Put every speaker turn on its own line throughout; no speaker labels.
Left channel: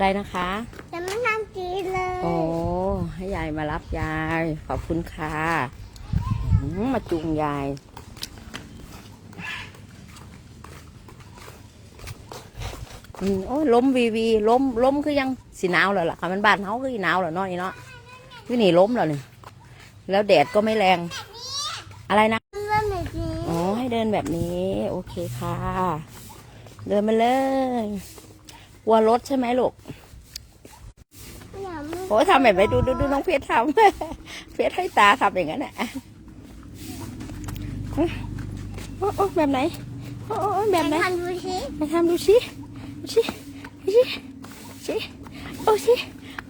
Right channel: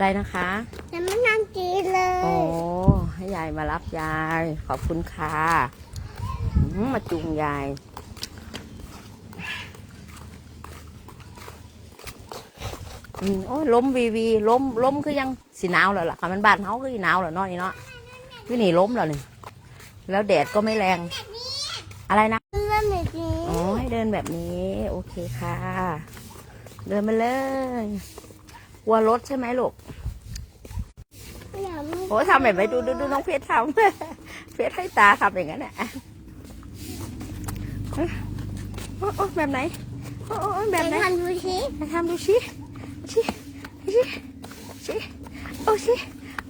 อะไรนะคะ
แต่ไม่น้ำจีนเลย
โอ้ให้ยายมารับยาย ขอบคุณค่ะอืมมาจูงยายอืมโอ้ยล้มวีวีล้มล้มคือยังสีหนาวแล้วล่ะค่ะมันบ้านเขาก็อีหนาวแล้วเนาะนี่เนาะที่นี่ล้มแล้วนี่แล้วแดดก็ไม่แรง อะไรนะ
มันแบบนี้
อ๋อให้เดินแบบนี้ โอเคค่ะ เดินมาเลยก ลัวรถใช่ไหมลูก
อย่ามา
โอ้ทำแบบไหนดูดูดูน้องเพชรทำเพชรให้ตาทำอย่างนั้นแหละโอ้โอ้แบบไหนโอ้โอ้แบบไหน
ทำดูสิ
ไปทำดูสิดูสิดูสิสิโอ้สิ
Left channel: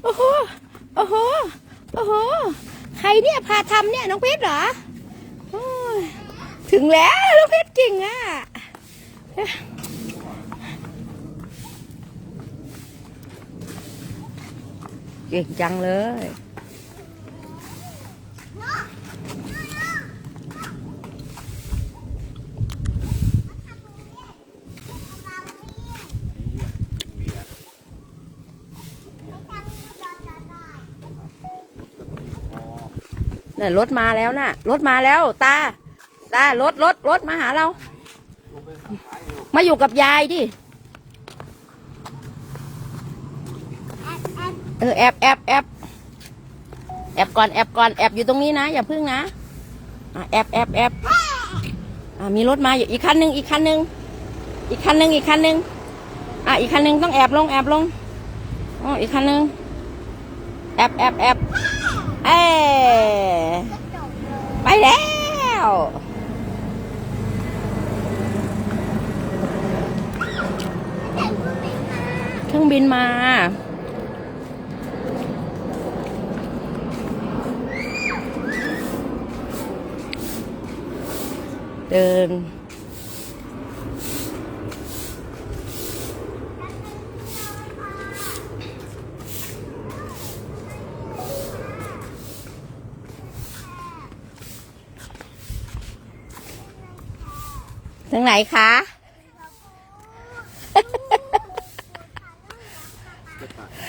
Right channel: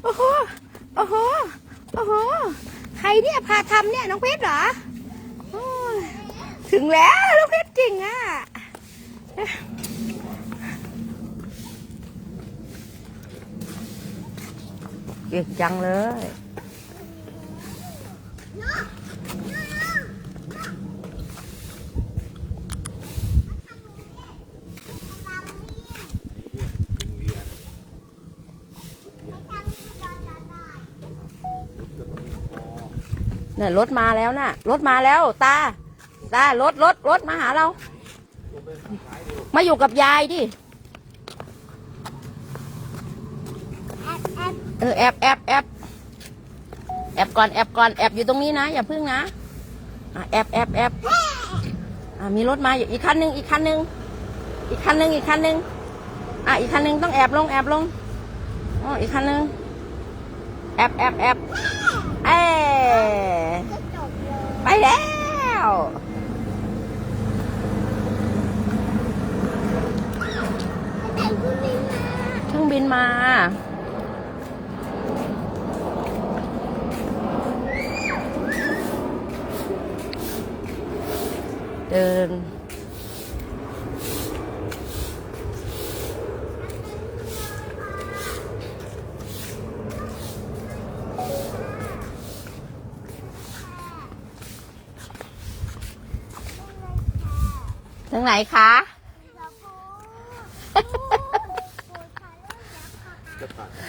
โอ้โหโอ้โหโอ้โหใครเนี่ยพาทำเนี่ยน้องเพชรเหรอโอ้ยถึงแล้วน้องเพชรจริงอะ เก่งจังเลย น่ะรถมาแล้วน่ะ รถมาแล้วตา ตารถรถรถมาหาเรา มาอยู่กับยายดิ
แอบแอบ
เออแอบแอบแอบแอบก่อนแอบก่อนแอบอยู่ตรงนี้นะ อย่าพึ่งนะแอบแอบแอบมีรถมาอยู่อีกคันหนึ่งอีกคันหนึ่งอีกคันหนึ่งอีกคันหนึ่งอะอีกคันหนึ่งต้องแอบลงแอบลงอ๋ออีกคันหนึ่งแอบแอบแอบเอ้ไปแล้วเครื่องบินมา เดิน ทางไหนคะ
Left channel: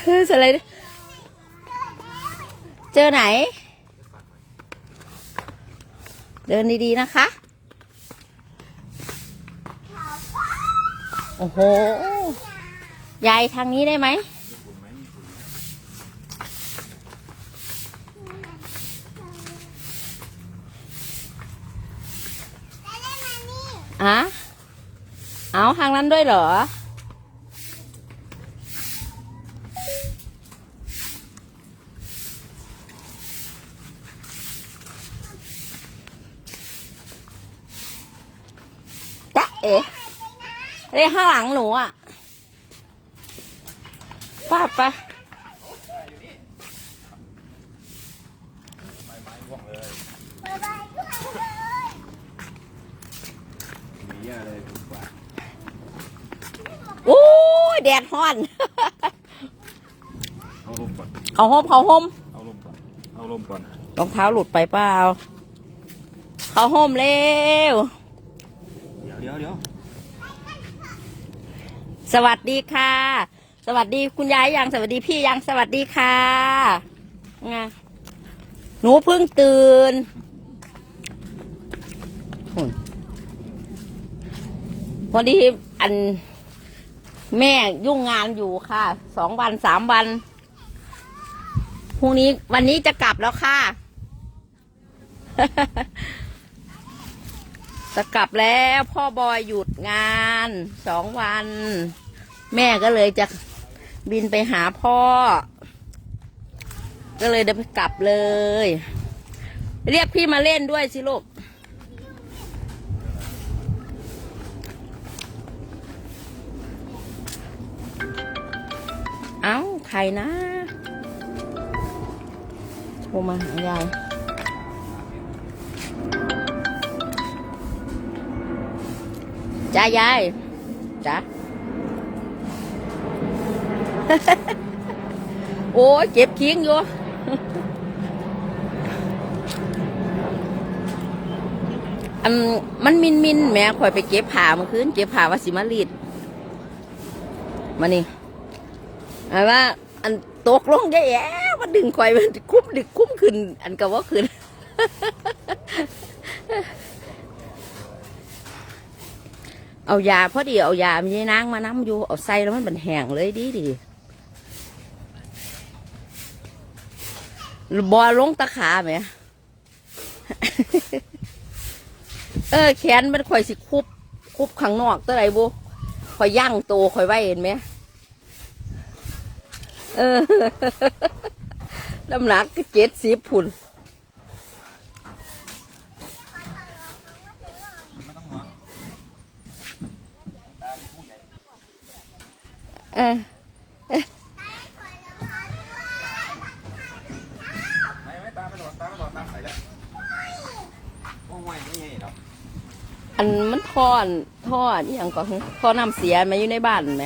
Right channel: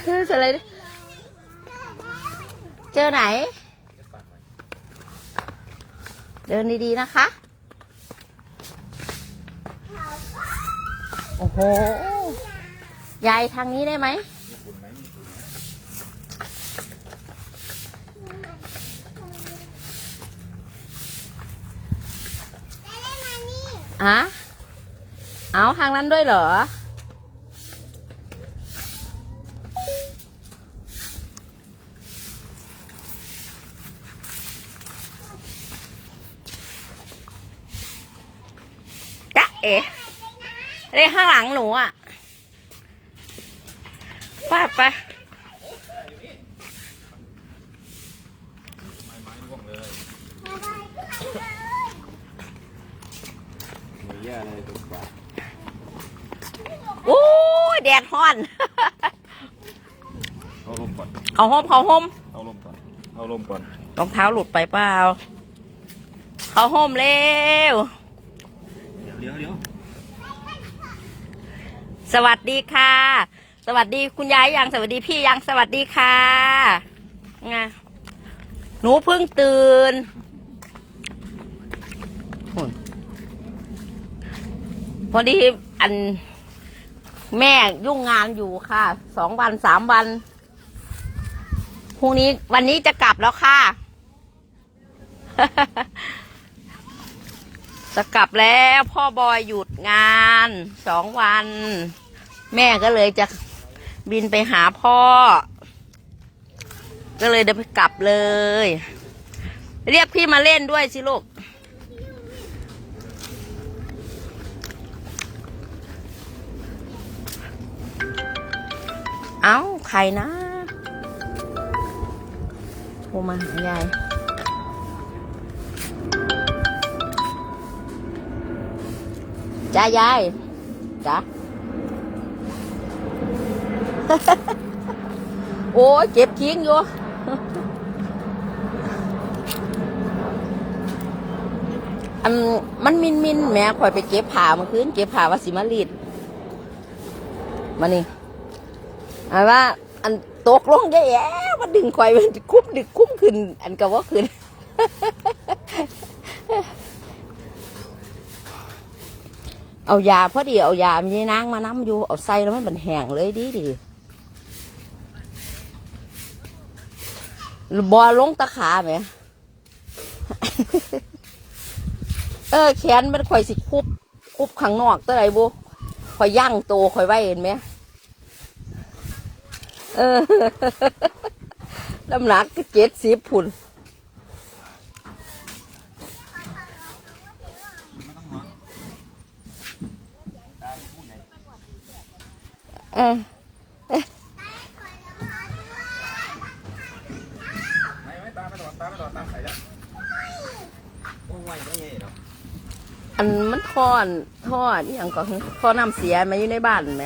เฮ้ยอะไรเนี่ยเจอไหน เดินดี ๆ นะคะ โอ้โห ยายทางนี้ได้ไหม อะเอาทางนั้นด้วยเหรอ จ๊ะเอ๋ เรียกข้างหลังหนูอะป้าไป
บายบายเพื่อนเลย
มีแย่เลยถูกปะ
โอ้ยแดดฮ้อน
เอาลมก่อน
เอาห่มเขาห่ม
เอาลมก่อนเอาลมก่อน
รองเท้าหลุดไปเปล่าเขาห่มเร็ว
เดี๋ยวเดี๋ยวเดี๋ยว
สวัสดีค่ะ สวัสดีคุณยายยังสวัสดีพี่ยังสวัสดีค่ะไงหนูเพิ่งตื่นพอดีอันแม่ยุ่งงานอยู่ค่ะสองวันสามวันพรุ่งนี้วันนี้จะกลับแล้วค่ะ จะกลับแล้วพ่อบอยหยุดงานสองวัน แม่ก็เลยจะบินไปหาพ่อ ก็เลยเดินกลับเลย เรียกพี่มาเล่นด้วยสิลูกเอ้าใครนะโทรมาหายายจ้ายายจ้า โอ้เจ็บทิ้งอยู่อันมันมินมินแม่ข่อยไปเก็บผ้าเมื่อคืนเก็บผ้าว่าสิมารีดมานี่หมายว่า อันตกลงแย่ๆมันดึงควายมันคุ้มดึกคุ้มขึ้น อันก็ว่าขึ้นเอายาพอดีเอายามีนางมาน้ำอยู่เอาใส่แล้วมันเป็นแห้งเลยดีดี บอลงตะขาไหม เออ แขนมันข่อยสิคุบ คุบข้างนอกตัวไหนบุข่อยย่างโตข่อยไว้เห็นไหม เออน้ำหนักก็เจ็ดสิบพุ่นเออ
ไม่ไม่ตามไม่โดนตามไม่โดนตามใส่ละโอ้ยไม่เหรอ
อันมันทอนทอดอหย่างก่อนทอน้ำเสียมาอยู่ในบ้านไหม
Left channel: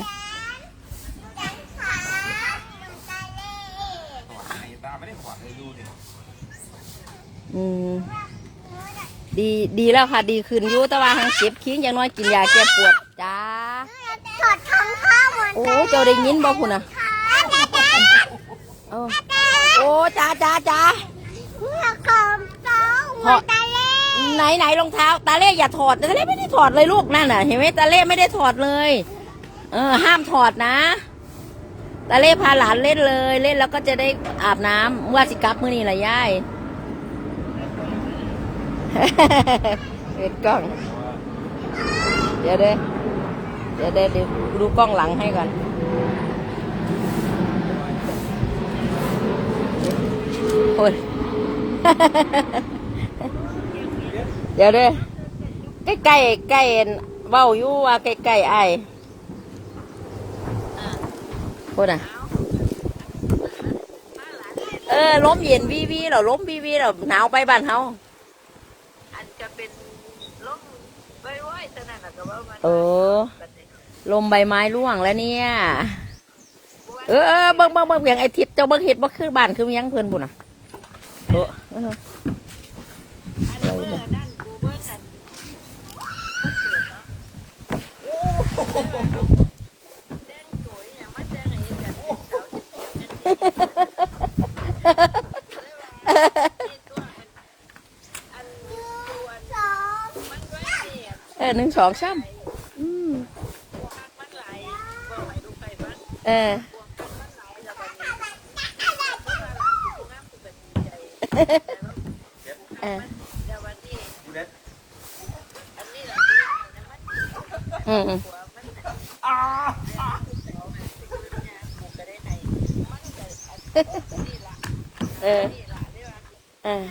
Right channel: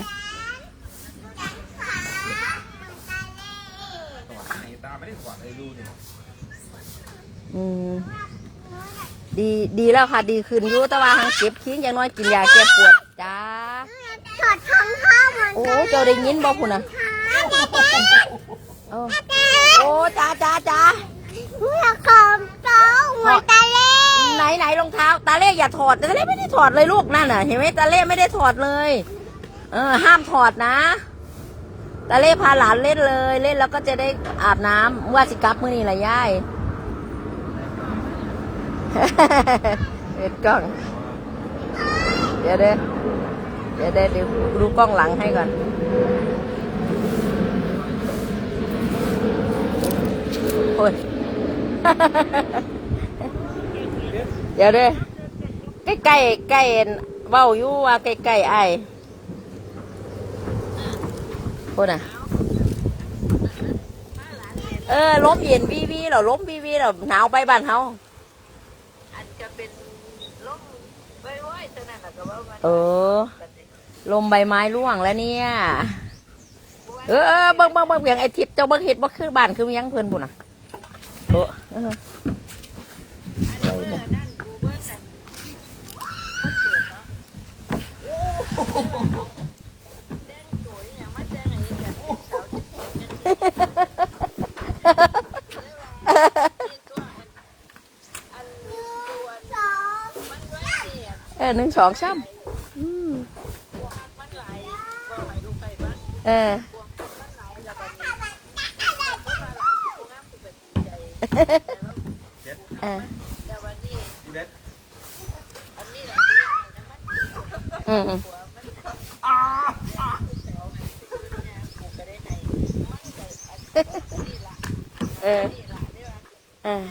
ตามไม่ได้ขวางเลยดูเนี่ย
อืมดีดีแล้วค่ะ ดีขึ้นอยู่แต่ว่าทางเก็บคิงอย่างน้อยกินยาแก้ปวดจ้า
ถอดทองข้าวมัน
โอ้เจ้าได้ยินบ่คุณนะโอ้โอ้จ้าจ้าจ้า
เพื่อคอมโต้หัวตาเล่
ไหนไหนรองเท้า ตาเล่อย่าถอดตาเล่ไม่ได้ถอดเลยลูกนั่นน่ะ เห็นไหมตาเล่ไม่ได้ถอดเลย เออ ห้ามถอดนะ ตาเล่พาหลานเล่นเลย เล่นแล้วก็จะได้อาบน้ำว่าสิกลับมือนี้ละยายเอ็ดกล้อง เดี๋ยวเด้อเดี๋ยวเด้อเดี๋ยวดูกล้องหลังให้ก่อนโอ้ย เดี๋ยวเด้อใกล้ใกล้ใกล้เว้าอยู่ว่าใกล้ใกล้ไอ้ายพูดน่ะเออล้มเย็นวีวีเราล้มวีวีเราหนาวไปบ้านเฮา
อันจะเป็นล่มไว้ไว้แต่นั่นน่ะก็ว่ามัน
เออลมใบไม้ร่วงแล้วเนี่ย เออเออเบิ่งเบิ่งเบิ่งเพียงไอ้ทิพย์เจ้าเบิ่งเห็ดบ่คือบ้านคือหยังเพิ่นพุ่นน่ะ โอ้
ไรนะเอ
อหนึ่งสองสามเออ
เอ
อ
เด็ด
อันนี้แหละที่ให้น้ำมัน
อืมอืม
หัวมันอ่าอ่าเสามันสิขึ้นเนี่ยกูก็ได้ให้มันก็อันนี้ล่ะ
เออ
นี่ล่ะเด้อ
เออ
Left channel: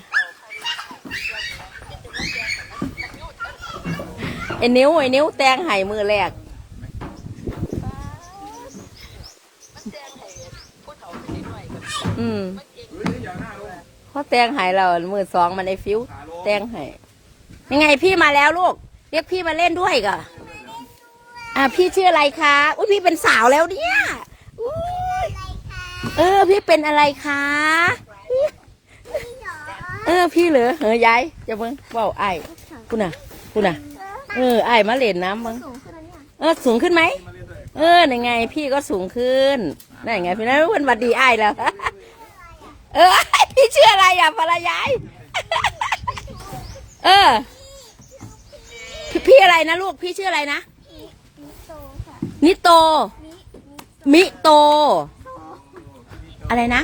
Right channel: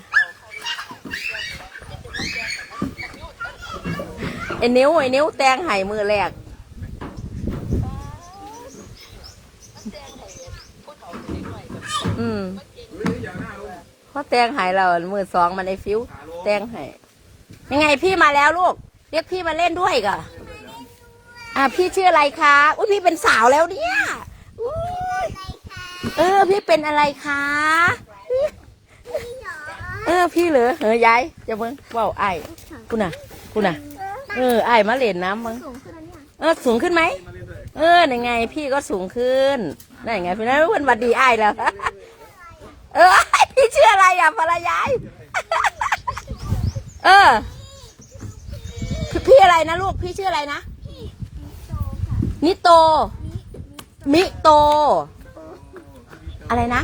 ไอ้นิ้วไอ้นิ้วแตงไห้มือแรก
มันแจ้งให้ผู้เฒ่าไปหน่อยก็
อืม
เพ
ราะแตงไห้เรามือสองมันไอฟิวแตงไห้ยังไงพี่มาแล้วลูก เรียกพี่มาเล่นด้วยก่ะอ่าพี่ชื่ออะไรคะอุ้ยพี่เป็นสาวแล้วเนี่ยเออ พี่เป็นอะไรคะเออพี่เหรอเฮ้ยยายจะเบิ่งว้าวไอ้คุณน่ะคุณน่ะ เออไอ้มาเล่นน้ำมั้ง
สูงขึ้นเอ
อสูงขึ้นไหมเออนั่นไง พี่ก็สูงขึ้นนั่นไงพี่นั่นเป็นวัดดีไอ้แล้ว เออพี่ชื่ออะไรอะภรรยายเออ พี่อะไรนะลูก พี่ชื่ออะไรนะ
พี่โตค่ะ
นิโต มิโต อะไรนะ